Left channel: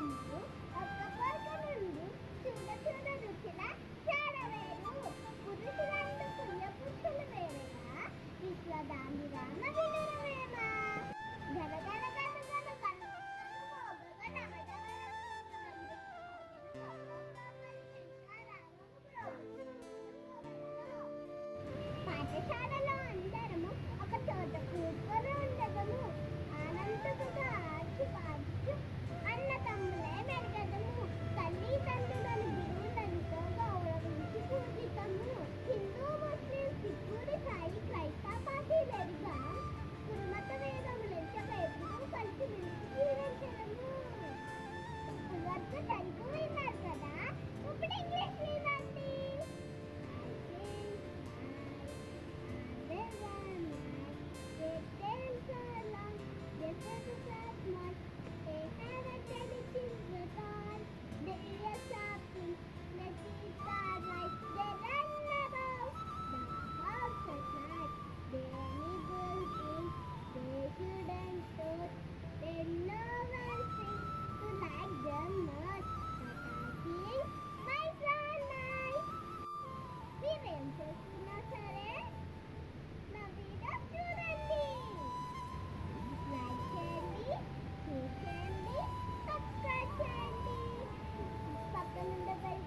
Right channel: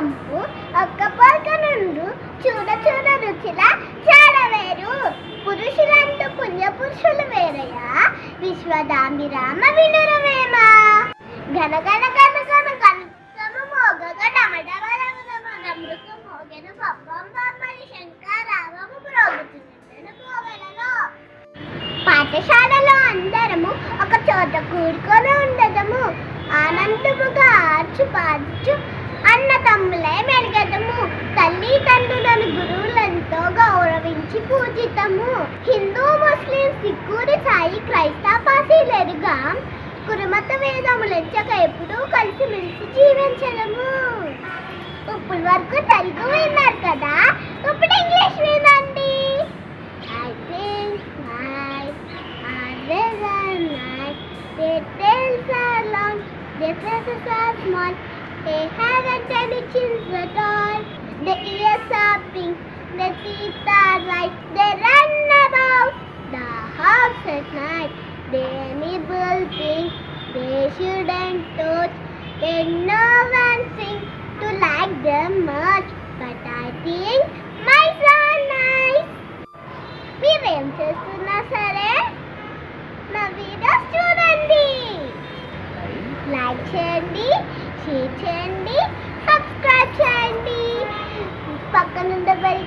కంపు ఒక్క పొరక నుండు చూడ చూడ రుచిల చాడవేరు పురుషులంటూ పుణ్యపురుషులు వేరయ్యా విశ్వదాంబిరామ వినురవేమ ఘన ఘన ఘన ఘన కలుసము మోగగ డమడమరమృతు మోగెను పప్పం పమ్మని శంకరావము ప్రోగుతున్నను మోగలలో పాఠశాలలో అందరము ఒక చోట కూడుకొని ఉండదము ఆనందముగా ఆర్చు పార్చు అన్న తమ్ములే మెలిగదము తల్లి తండ్రులను గురువులతో గౌరవించి పూజితము హిందూ ముస్లిం సిక్కుడి సాయి క్రైస్తవ పాసీలెరుగా కురుమత వేదములెచ్చక ఎప్పుడూ కలిసిమెలిసి జీవించడము ఇప్పుడు వరకు తెలుగు విన్నారు కదా ఇప్పుడు ఇంగ్లీష్ వినండి I think nice are very nice. Their tails are long, their faces are small. They haven't any chins at all. Their ears are pink, their teeth are white. They run about the house at night. They nibble things they shouldn't touch. They no one seems to like them much, but I think mice are nice. మీరేం చేస్తున్నా సరే నా videos చూడండి, like చేయండి, share చేయండి, subscribe చేయండి, పక్కనుండే bell